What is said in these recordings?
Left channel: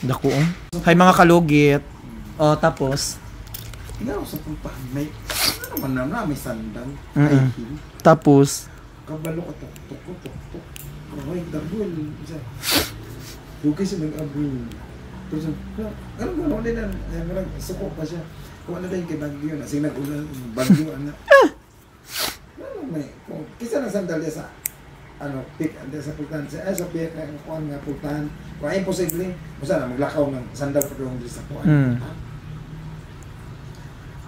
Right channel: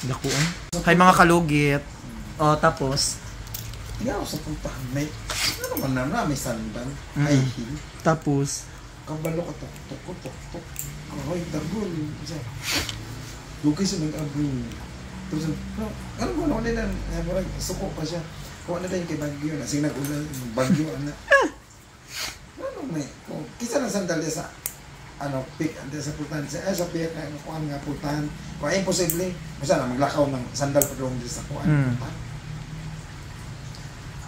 Dako. Hay mga kalugit. O tapos Ikaw sa punta may ano man na may sandal. High heel. Tapos Kabalo ko tok. Ay dagol. Dugay sa nag-abri. Tapos ano ba naman nila suko pa siya. Kung ano na yung kay Bagyo na sinagulan Bagyo na. Ano may kisa ng sandalya sa ano pick ande sa pultahan sa piyak na kuan nga pultahan. Kung ay imposible, basta na maglakaw ng sandal pa doon sa kuan.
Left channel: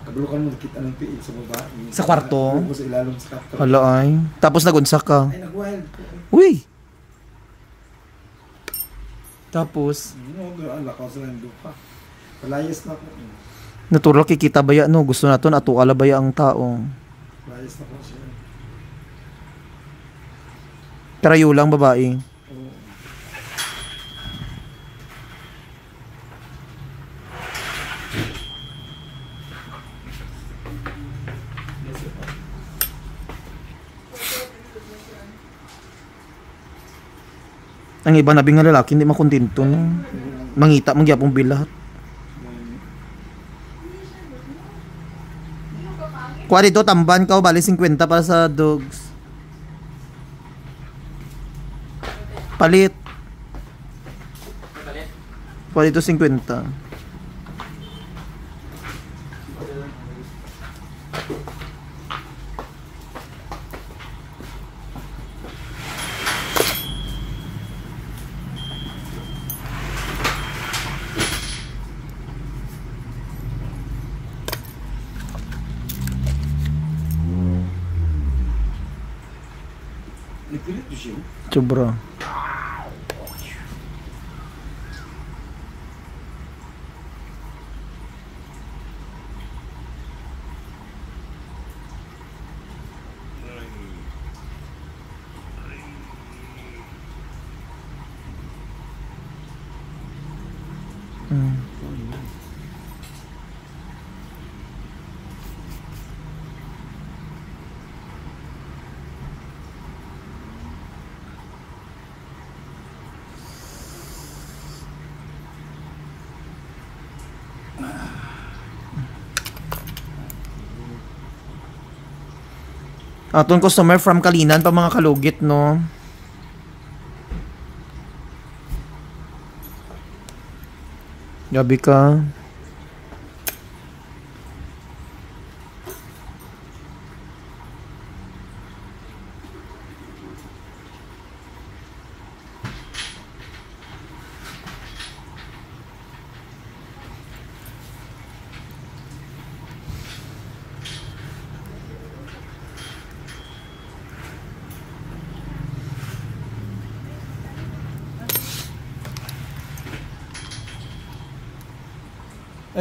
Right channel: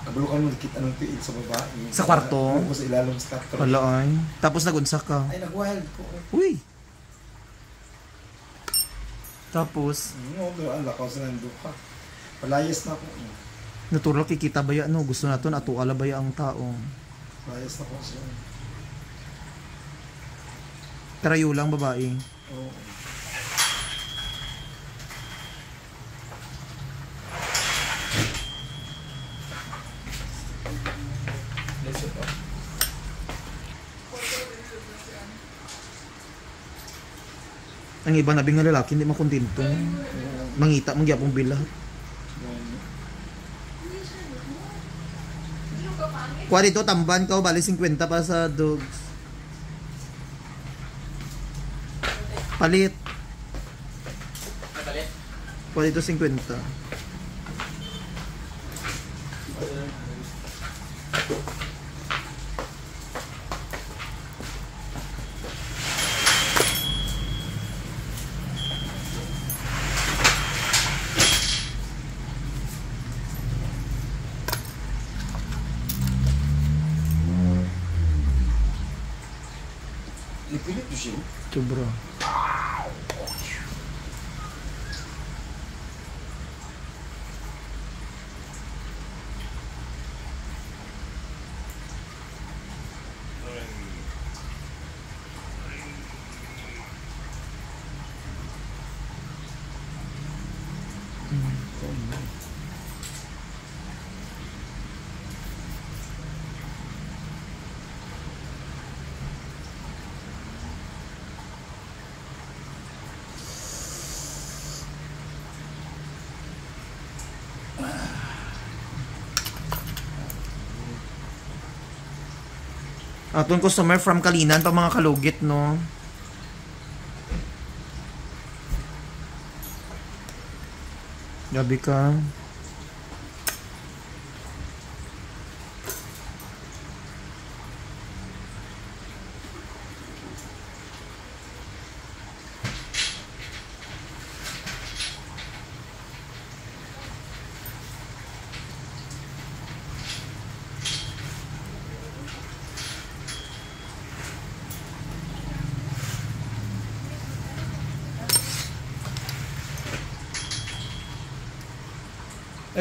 Kabalo ka nung nakita ng piil sa babae. Sa kwarto? Buko sa ilalong sa kapto. Hala ay. Tapos nagunsa ka. Ay nag-wild. Uy. Tapos Lakaw sa nanduka. Palayas na ako. natural kikita baya no. Gusto naton ato ala baya ang tao. Palayas na ako siya. Karayo lang babae. Oo. Ang iba nabing nga lalaki hindi makontento. Mangita man gyapong bilat. Kuha dito tamban ka o bali 50 para sa dogs. Palit. Kuha dito 50. Nagpilit ko siya. Sobra. Atong customer from Kalinan pa mga kalugit no. Gabi ka.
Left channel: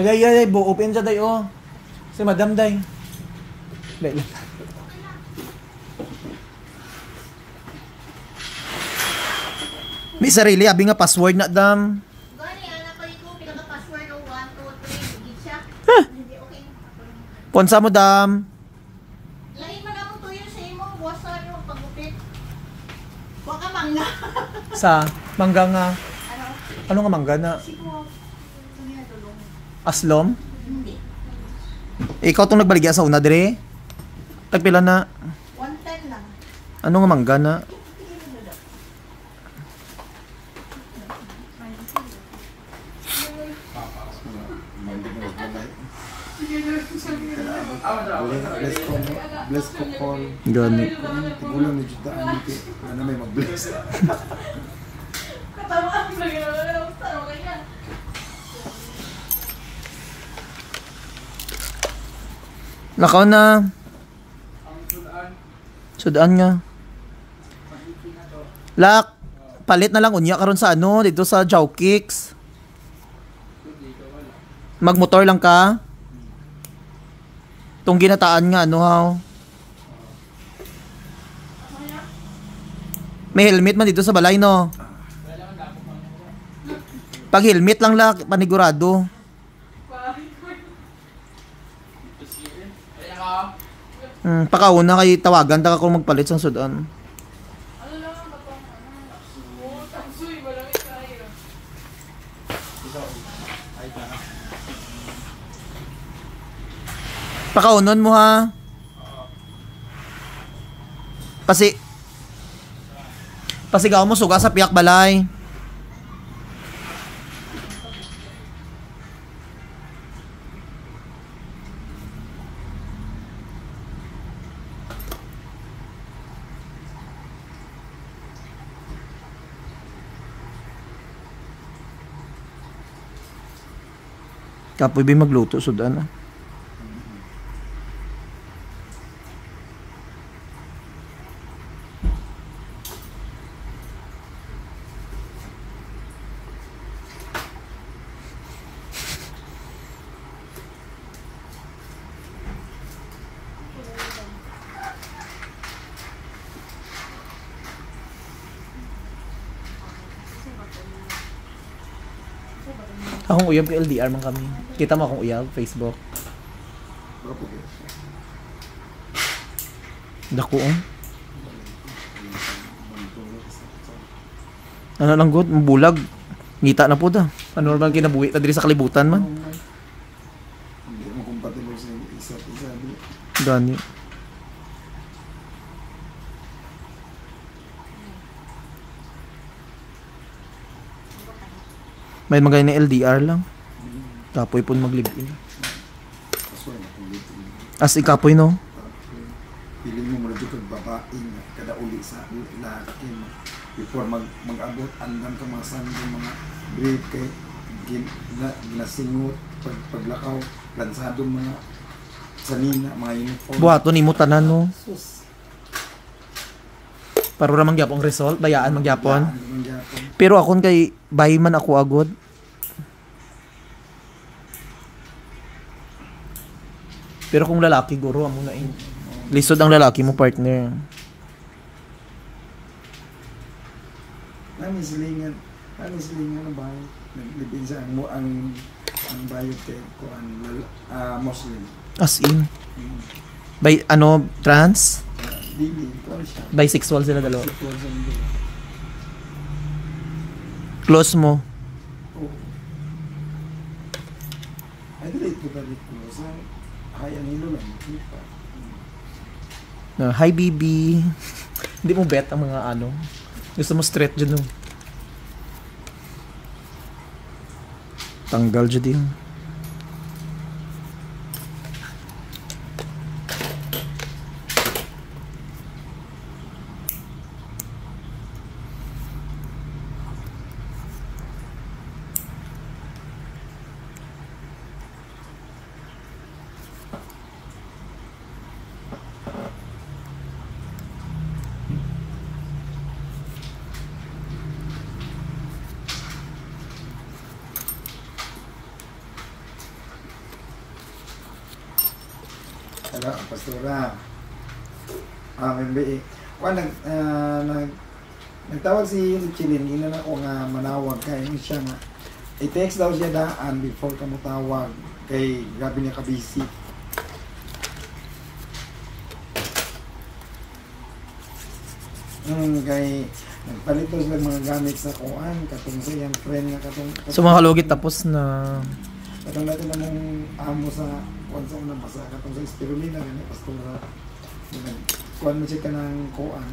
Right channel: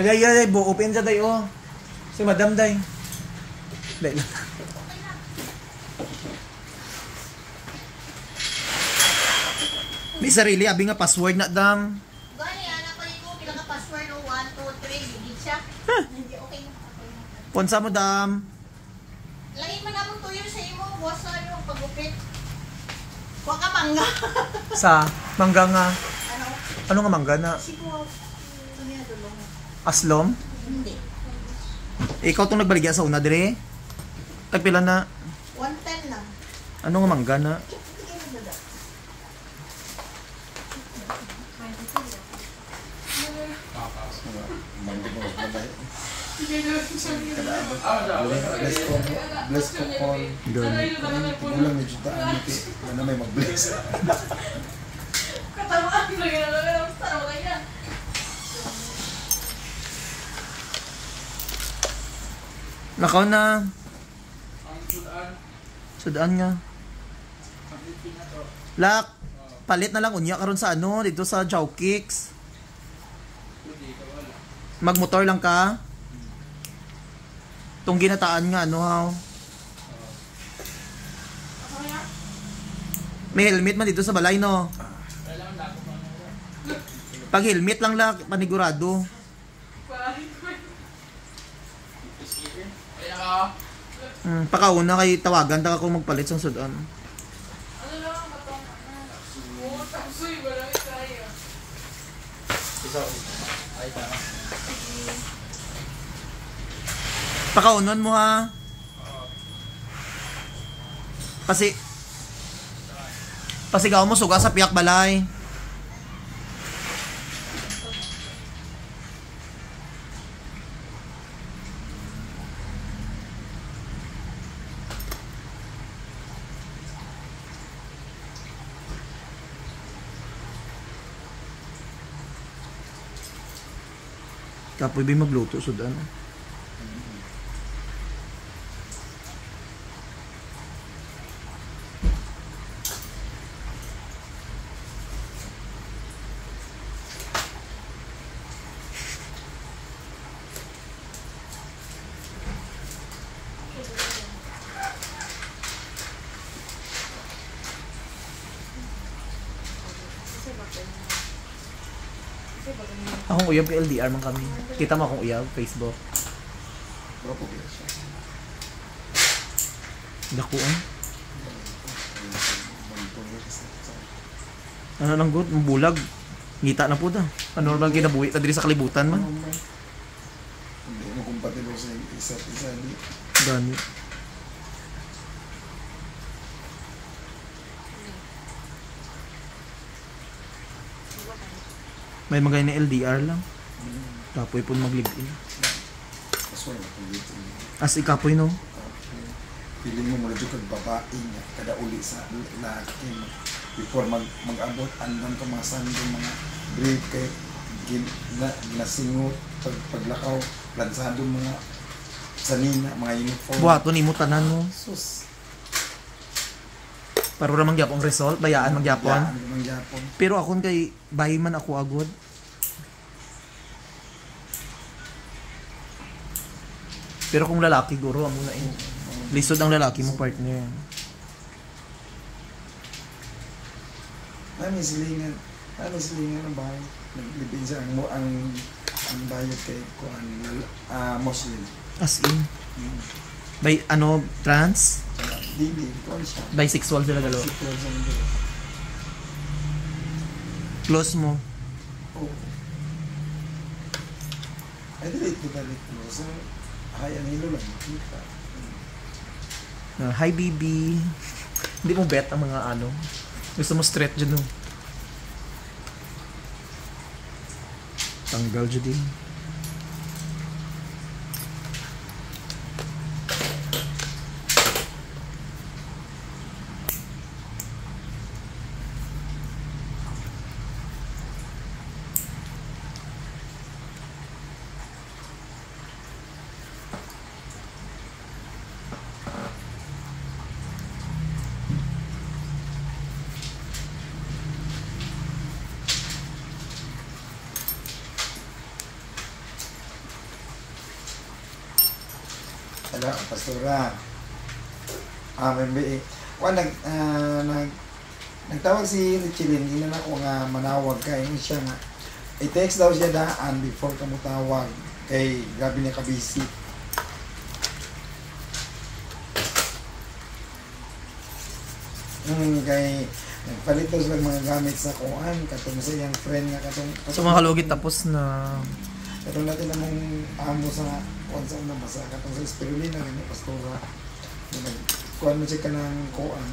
Ay, bu open sa tayo. Si Madam Day. Dai lang. May sarili abi nga password na dam. Gani anak ko ito pinaka password 1 2 3 gid siya. Hindi okay. Ponsa mo dam. Lain man ako tuyo sa imo boss ano pagupit. Wa ka mangga. Sa mangga nga. Ano? Ano nga mangga na? Siguro. Tunya dulong. Aslom? Hindi. Ikaw tong nagbaligya sa una dire. Tagpila na. 110 lang. Ano nga mangga na? Bless ko call. Ganit. Tigulang ni jutaan niti. Ano may mag-bless. Katamaan mo lang taro kanya. Nakaw na. Sudaan nga. Lak, palit na lang unya karon sa ano dito sa Jowkicks. Magmotor lang ka. Tong ginataan nga ano haw. May helmet man dito sa balay no. Pag helmet lang lak panigurado. Pakauna kay tawagan ta kung magpalit sa sudan. Pakaunon mo ha. Pasigaw mo suga sa piyak balay. Kapoy ba magluto sudan ah. Akong uyab kay LDR man kami. Kita mo akong uyab Facebook. Berapa biasa? Dako oh. Ano lang good, bulag. Ngita na po da. Ano normal kinabuhi ta diri sa kalibutan man. Hindi mo compatible sa isa't isa di. Gani. May magay na LDR lang. Kapoy po mag-live-in. Asway na kung dito. As ikapoy no? Piling mo muna dito babae nga kada uli sa laki before mag-abot andan ko mga sando mga brief kay nasingot paglakaw lansado mga sanina mga uniform. Buhato ni mo tanan no. Sus. Para ra mangyapon result, bayaan mangyapon. Pero akon kay bayi man ako agod. Pero kung lalaki guro amo na lisod ang lalaki mo partner. Nami silingan ang bahay. Naglibin sa ang bayad kay ko ang Muslim. As in. By ano trans? Dili ko siya. Bisexual sila dalawa. Close mo. Oh. Ay dili ko dito sa hay ang ilo lang kita. Hi baby. Hindi mo bet ang mga ano. Gusto mo straight dyan no. Tanggal dyan din. Hello, Pastora. Membe. Nagtawag si Richelin, ina na ko nga manawag kay siya nga. I-text daw siya daan before ka mo tawag kay grabe niya ka-busy. Kay nagpalit daw sila mga gamit sa kuan katong sa iyang friend nga katong So mga halugit tapos na katong natin namong amo sa kuan sa unang basa katong sa spirulina gani Pastora. Kuan mo siya ka ng kuan